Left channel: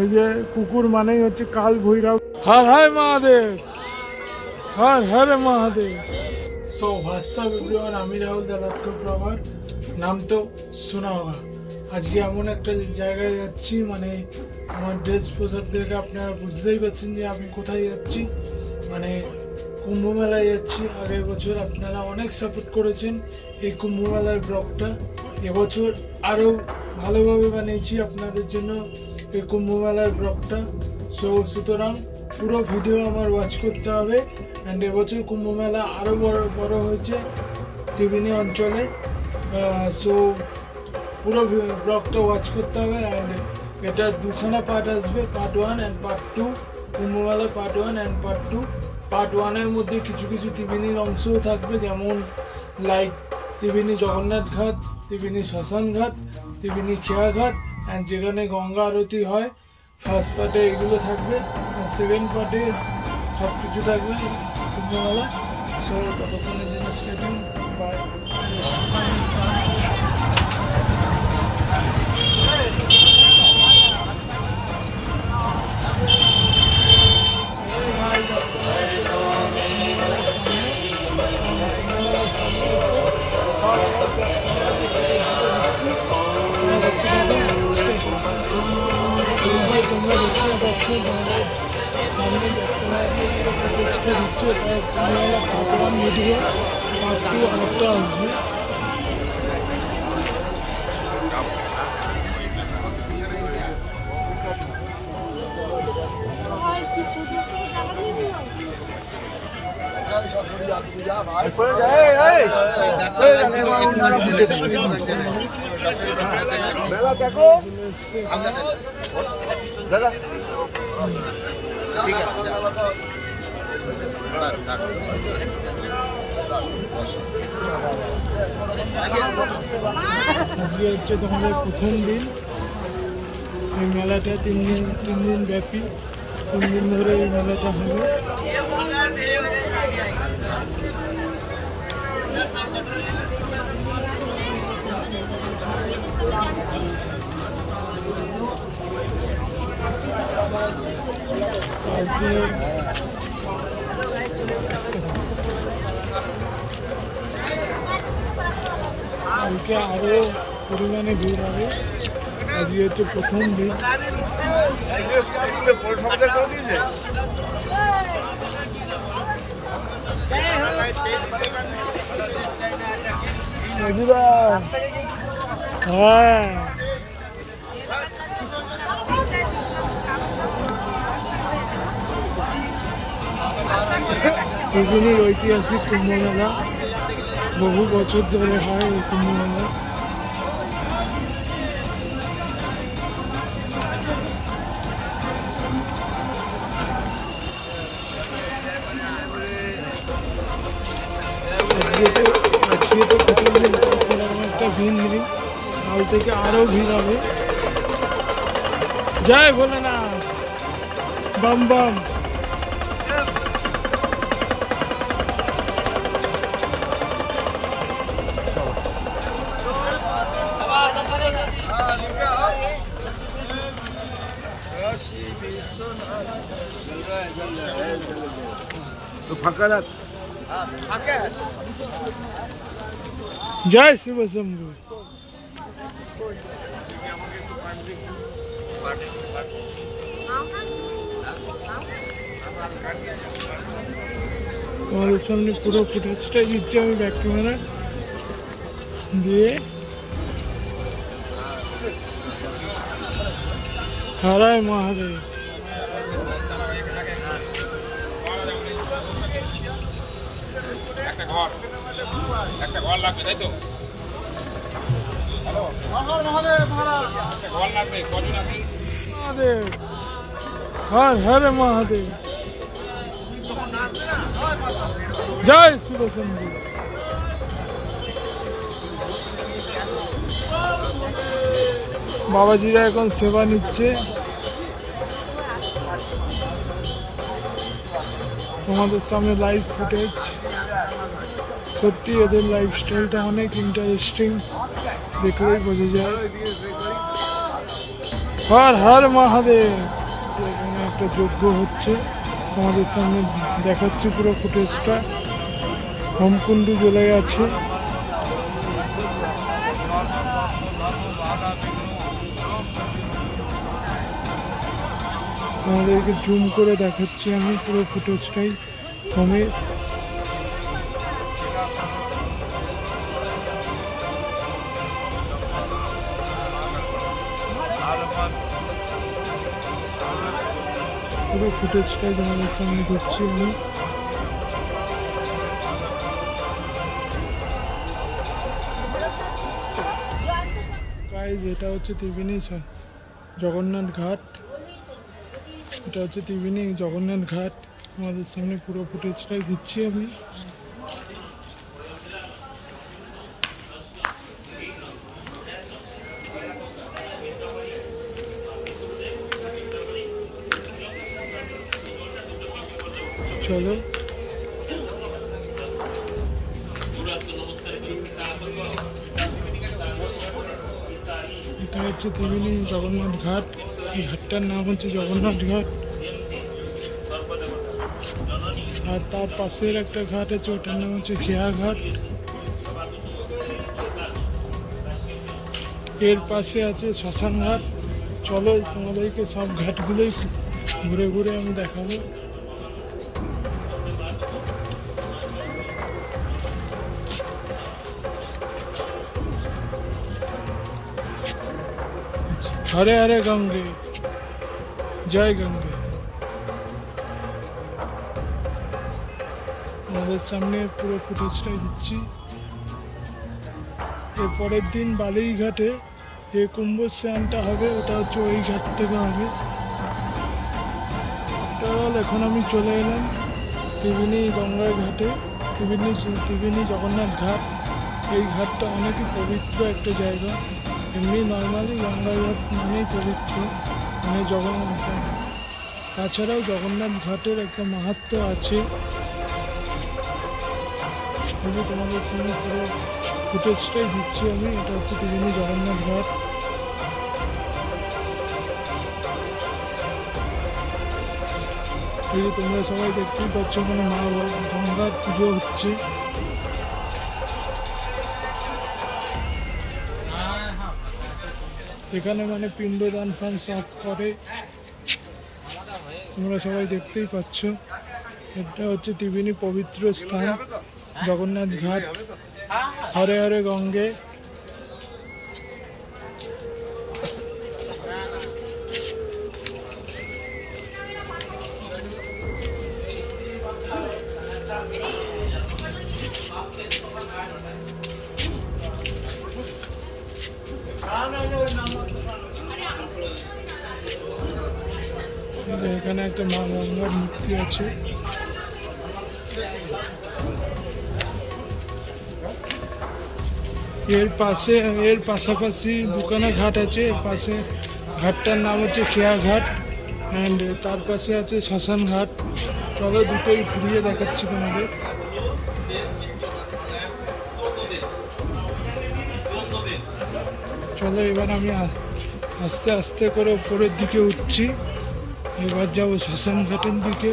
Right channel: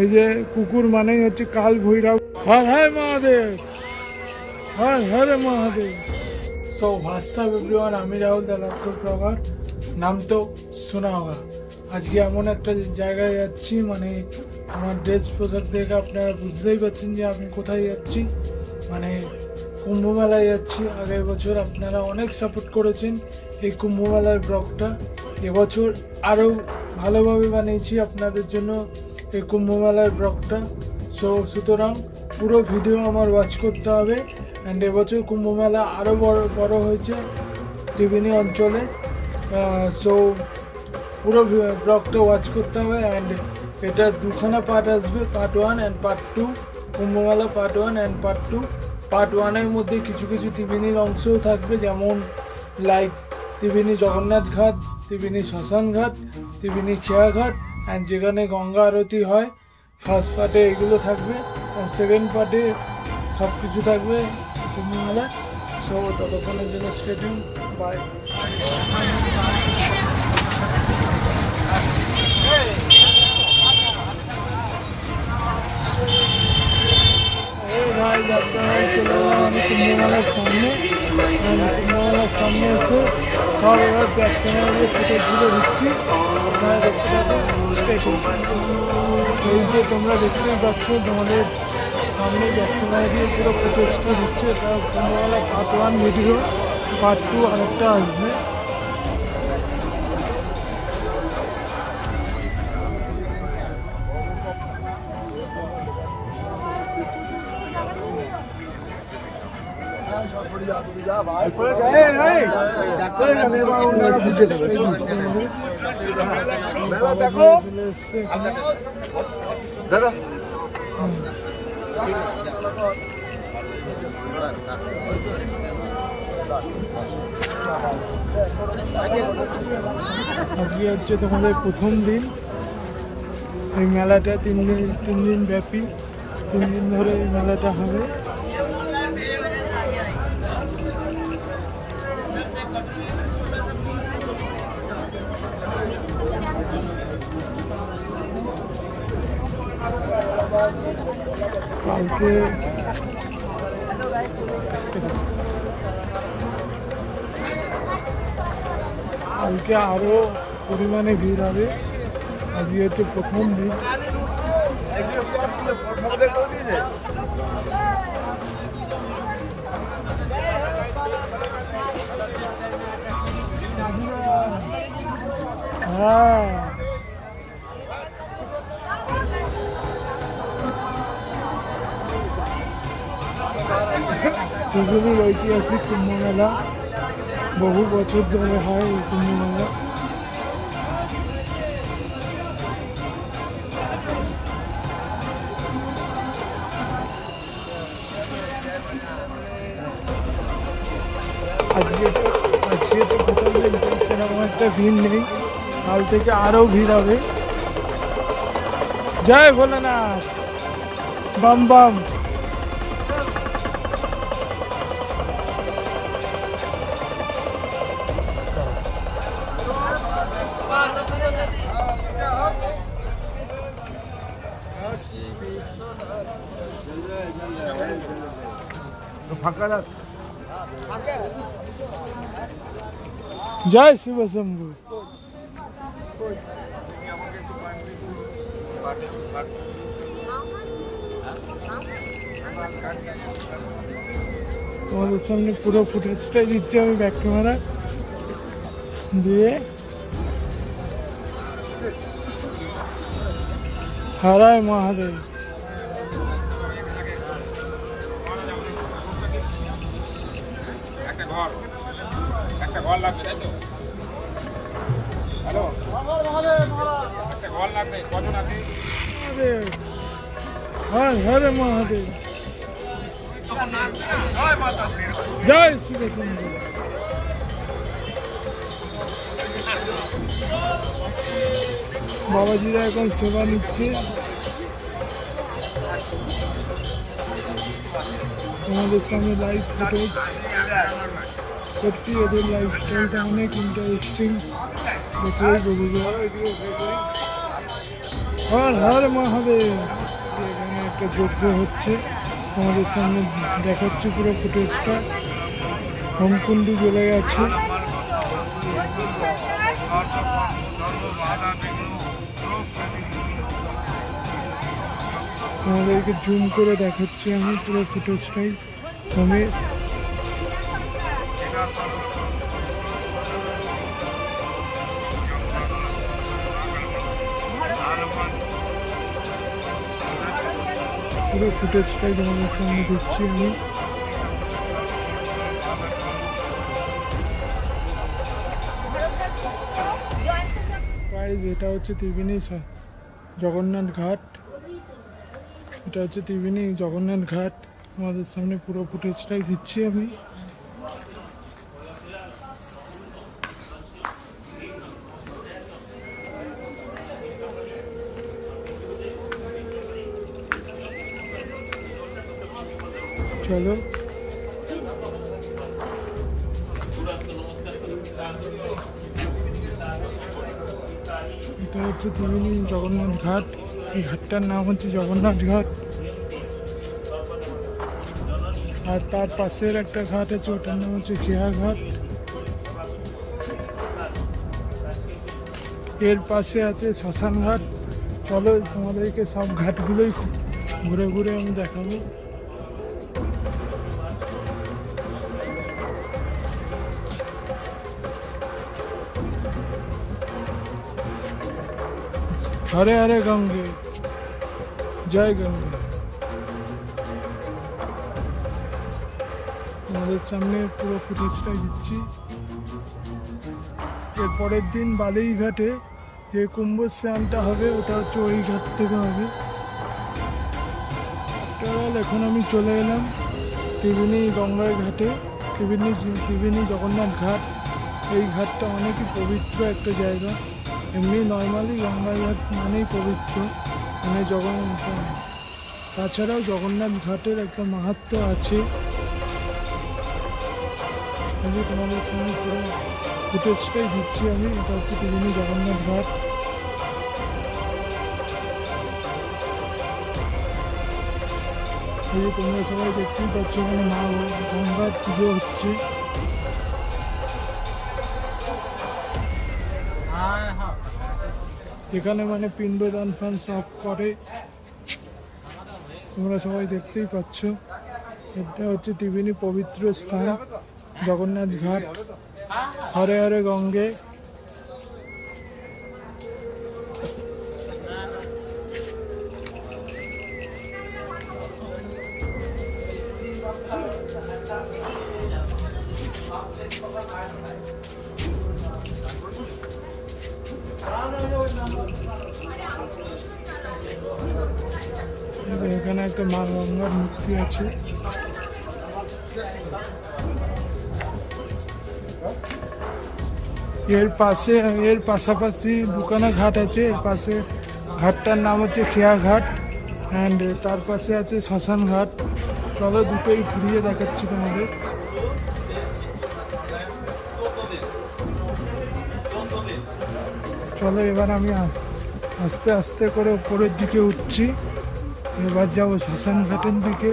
এই যে কুকুর মানেই হচ্ছে কাল Bhairab. Har Har Mahadev, Har Har Mahadev. So WhatsApp everyone, আমি রাহুল দা রাজকোট ব্লগার। নাম তো শোনা হোগা। আজকে এমন একটা জায়গায় যাচ্ছি, মানে আমার ড্রেস পোশাক দেখে আপনারা বুঝতেই পারছেন যে আমি কোথায় যাচ্ছি। মানে কুম্ভ মেলায় যাচ্ছি। আগের বছর আপনারা অনেক সাপোর্ট করেছেন এই কুম্ভ মেলার ব্লগটা। এবছর আরও ভালোভাবে বানিয়েছি আপনাদের জন্য এই কুম্ভ মেলার ব্লগটা। সুতরাং পুরো ভিডিও আমার ওয়াচ করতে হবে। অ্যান্ড এবছর কুম্ভ মেলা আরও বড় হয়েছে ত্রিবেণী অঞ্চলে। সো পুরো ব্লগটা ওয়াচ করতে হবে। অ্যান্ড এটা দুখানা পার্ট আসবে, part 1 and part 2। Kumbh Mela part 1 and part 2। Part 1-এর মধ্যে কিছু কিছু ত্রিবেণীর অংশও থাকবে, যেমন লাইক ত্রিবেণী জগন্নাথ ঘাট, ত্রিবেণী শ্মশান ঘাট, ত্রিবেণী খেয়া ঘাট, অ্যান্ড যেখানে গঙ্গা আরতি হয়। ফার্স্ট পার্টে এগুলো থাকবে, অ্যান্ড সেকেন্ড পার্টে সব কিছু থাকবে কুম্ভমেলা। সো ততক্ষণের জন্য স্টে টিউন, বাই। আপনারা চলে এলাম আমি কুম্ভমেলার সামনে। কুম্ভমেলার সামনে এসে সব এবার ব্যাক ক্যামেরা দিয়ে ফুটেজগুলো দিচ্ছি, আপনারা দেখতে থাকুন। এই যে তোমরা দেখতেই পাচ্ছ, তোমাদের সামনে ব্যাক ক্যামেরা দিয়ে পুরো ফুটেজটা দিচ্ছে। এটা কুম্ভমেলা পার্ট 1 ভিডিও, পার্ট 2 আরেকটা আসবে। আজকে হচ্ছে তোমাদের প্রথম দিন এই মেলাটা। 3 দিন ব্যাপী, 3 দিন ধরে এই মেলাটা হবে। কালকে আরো পরিমাণে ভিড় হবে। আজকে হচ্ছে প্রথম দিন। হ্যাঁ, ত্রিবেণীর ঐতিহাসিক কুম্ভ মেলা, বহু বছর ধরে হয় এই কুম্ভ মেলা। আজকে তো প্রথম দিন, সেরকম একটা ভিড় নেই। কাল থেকে আরও ভিড় হবে। জয় ভোলেনাথ, বাম বাম। জয় শিব শম্ভু। তোমাদের সামনে পুরো ফুটেজটাই দিচ্ছি আমি ব্যাক ক্যামেরা দিয়ে। হরায় মহাদেব। মহাদেব, হর হর মহাদেব, জয় শিব শম্ভু। বাবাজিরা এখন সেবা নিচ্ছে। তোমাদের সামনে লাইভ ফুটেজ। সত্যি এদের লাইফস্টাইলটা অনেক ইন্টারেস্টিং, দেখলেই বোঝা যায়। হর হর মহাদেব। এখানে একটা যজ্ঞ হচ্ছে, তোমাদের সামনে দেখাচ্ছি পুরো ফুটেজটা। হোমকুণ্ডু জ্বলে গেছে। তোমাদেরকে জুম করে দেখাচ্ছি আমি পুরো ফুটেজটাই হোমে। পুরো ফুটেজটাই তোমাদের সামনে দিচ্ছি আমি। গাইজ, এটা হচ্ছে ত্রিবেণী জগন্নাথ ঘাট। এটা হচ্ছে ত্রিবেণী জগন্নাথ ঘাট। তোমাদের সামনে পুরো ফুটেজটাই দিচ্ছি আমি। চলো, এটা হচ্ছে ত্রিবেণী জগন্নাথ ঘাট। এই ঘাটটার নাম হচ্ছে জগন্নাথ ঘাট। আর তার পাশের একটা ঘাট আছে, ওটার নাম হচ্ছে খেয়া ঘাট। এর পাশে আছে শ্মশান ঘাট। চলো, তোমাদেরকে সব ঘাটগুলোই ঘুরে ঘুরে আমি দেখাবো। হরে হরে গঙ্গে, জয় গঙ্গে। আমাদের সামনে পুরো ফুটেজটাই দিচ্ছি। এর পরের দিন বালুইঘাটে যে কুম্ভ স্নানটা হবে, ওটা হচ্ছে ওই ঘাট থেকে হবে। এখন আমি চলে এলাম ত্রিবেণী গঙ্গার ঘাটে। ত্রিবেণী জগন্নাথ ঘাট। এই ঘাটটা অনেকই পবিত্র একটা জায়গা। এমনি নর্মালি গঙ্গার ঘাট মানেই পবিত্র, মানে জগন্নাথ। তাছাড়াও জগন্নাথ ঘাটের একটা মাহাত্ম্য আছে। এই যে তোমাদের সঙ্গে পুরো ফুটেজটাই দিচ্ছি আমি। এটা হচ্ছে ত্রিবেণী জগন্নাথ ঘাট। এই যে তোমরা সবাই দেখতেই পাচ্ছ, মানে মা গঙ্গার পুজো হচ্ছে। এখানে মানে পিণ্ডদান ফান সব করে, তোমরা সবাই দেখতেই পাচ্ছ। এটা হচ্ছে ত্রিবেণী পবিত্র স্থান জগন্নাথ ঘাট। হরে হরে গঙ্গে। এখানে একটা মা গঙ্গার মূর্তি আছে। এর পাশাপাশি দুখানা ঘাট আছে। এর পাশে ঘাটটার নাম হচ্ছে খেয়া ঘাট, অ্যান্ড তার পাশে আছে শ্মশান ঘাট। চলো, দুটোই ঘুরিয়ে দেখাচ্ছি তোমাদের। চলো, এবার আমি আস্তে আস্তে করে উপরের দিকে উঠছি। এবার যাবো শ্মশান ঘাটের দিকে।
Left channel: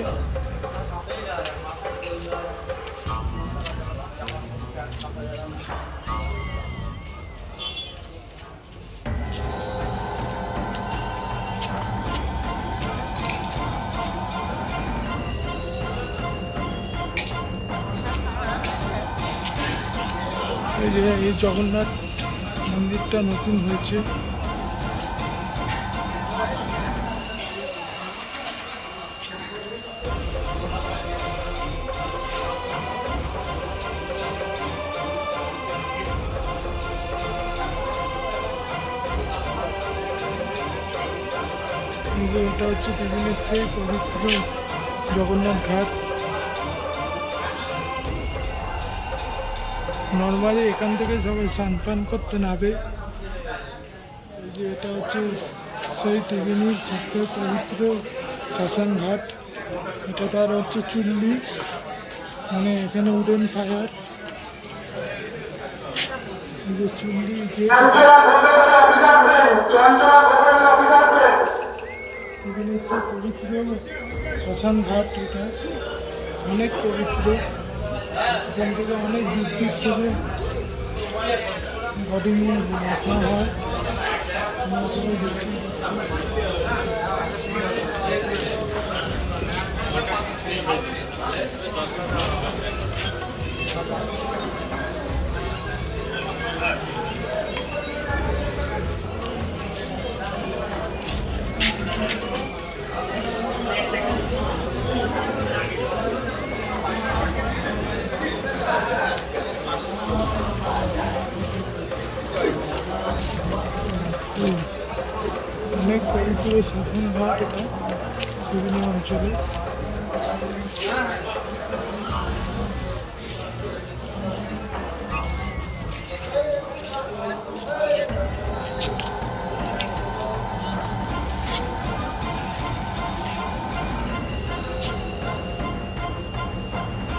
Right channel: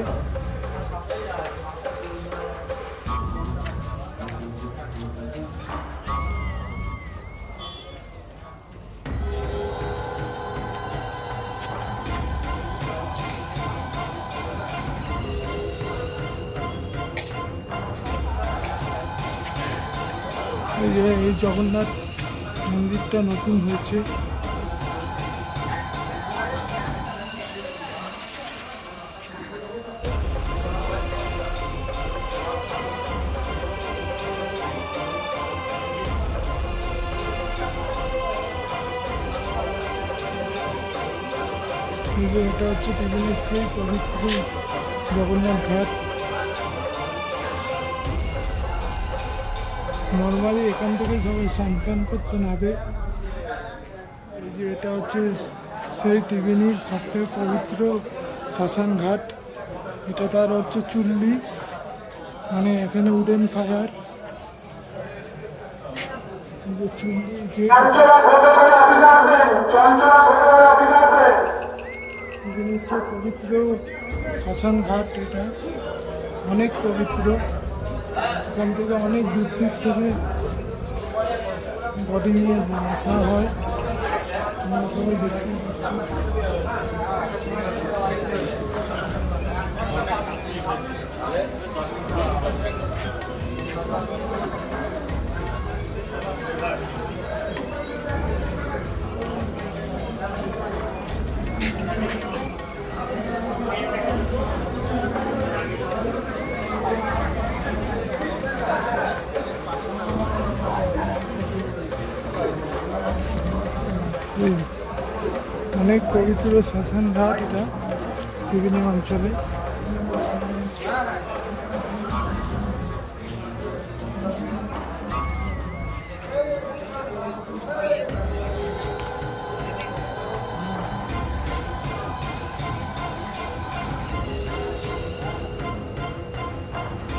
এই যে এই জগন্নাথ মন্দিরটা নতুন হয়েছে। এটা হচ্ছে ত্রিবেণীর সেই পবিত্র জগন্নাথ ঘাট। নর্মালি এখান থেকে সবাই স্নান পান করতে নামে। এই যে এটা হচ্ছে সেই ত্রিবেণীর সবথেকে পবিত্র শ্মশান ঘাট। এটা তার হচ্ছে চুল্লি, মানে এখানে উডেন ফায়ার। এই যে চুল্লি গেট। ত্রিবেণীশ্বর পবিত্র শ্মশান ঘাট, এটা অনেক পবিত্র। এখান থেকে অনেক দূর দূর থেকে বডি নিয়ে আসা হয়, আমরা সবাই দেখতে পাচ্ছি। অনেক পবিত্র শ্মশান ঘাট এটা বিভিন্ন অঞ্চলে।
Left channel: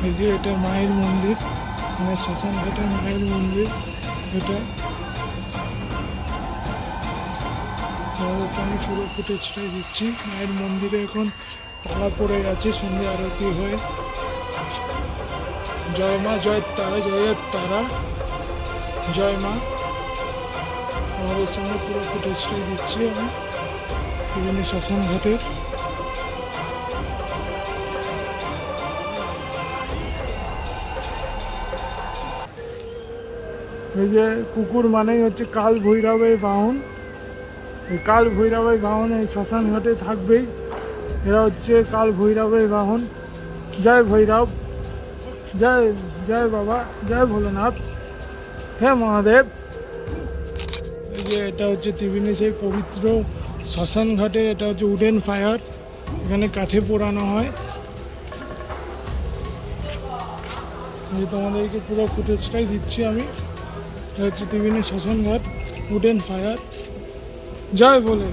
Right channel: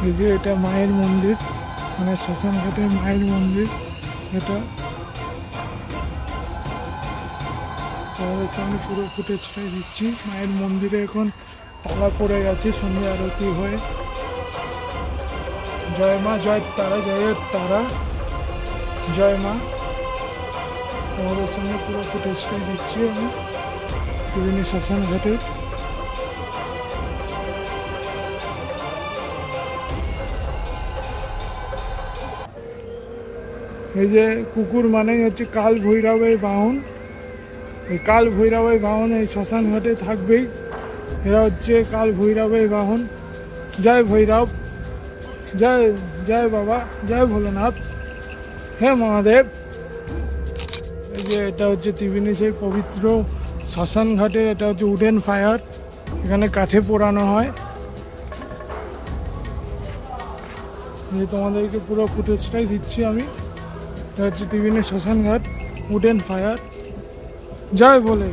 এই যে এটা মায়ের মন্দির, মানে শ্মশান ঘাটের মায়ের মন্দির এটা। তোমাদেরকে আমি পুরো ফুটেজটাই দিচ্ছি। মায়ের মন্দিরে এখন তালা পড়ে গেছে সন্ধ্যে আরতি হয়ে। জয় মা, জয় তারা, জয় তারা, জয় মা। তোমাদের সঙ্গে পুরো ফুটেজটাই দিচ্ছি আমি বিভিন্ন শ্মশান ঘাটের। এই যে কুকুর মানেই হচ্ছে কাল ভৈরবের বাহন। এই কাল ভৈরবের বাহন এই শ্মশান ঘাটে থাকবেই। এরা হচ্ছে কাল ভৈরবের বাহন। জয় ভৈরব, জয় জয় বাবা, জয় ভোলেনাথ, হে মহাদেব। এই যে এটা হচ্ছে ত্রিবেণীশ্বর পবিত্র শ্মশান ঘাটে, এটা হচ্ছে উডেন ফায়ার, এখানে কাঠে পোড়ানো হয়। এই তোমাদেরকে পুরো ফুটেজটাই দিচ্ছি আমি। এটা হচ্ছে ত্রিবেণী শ্মশান ঘাট, উডেন ফায়ার। জয় বলে।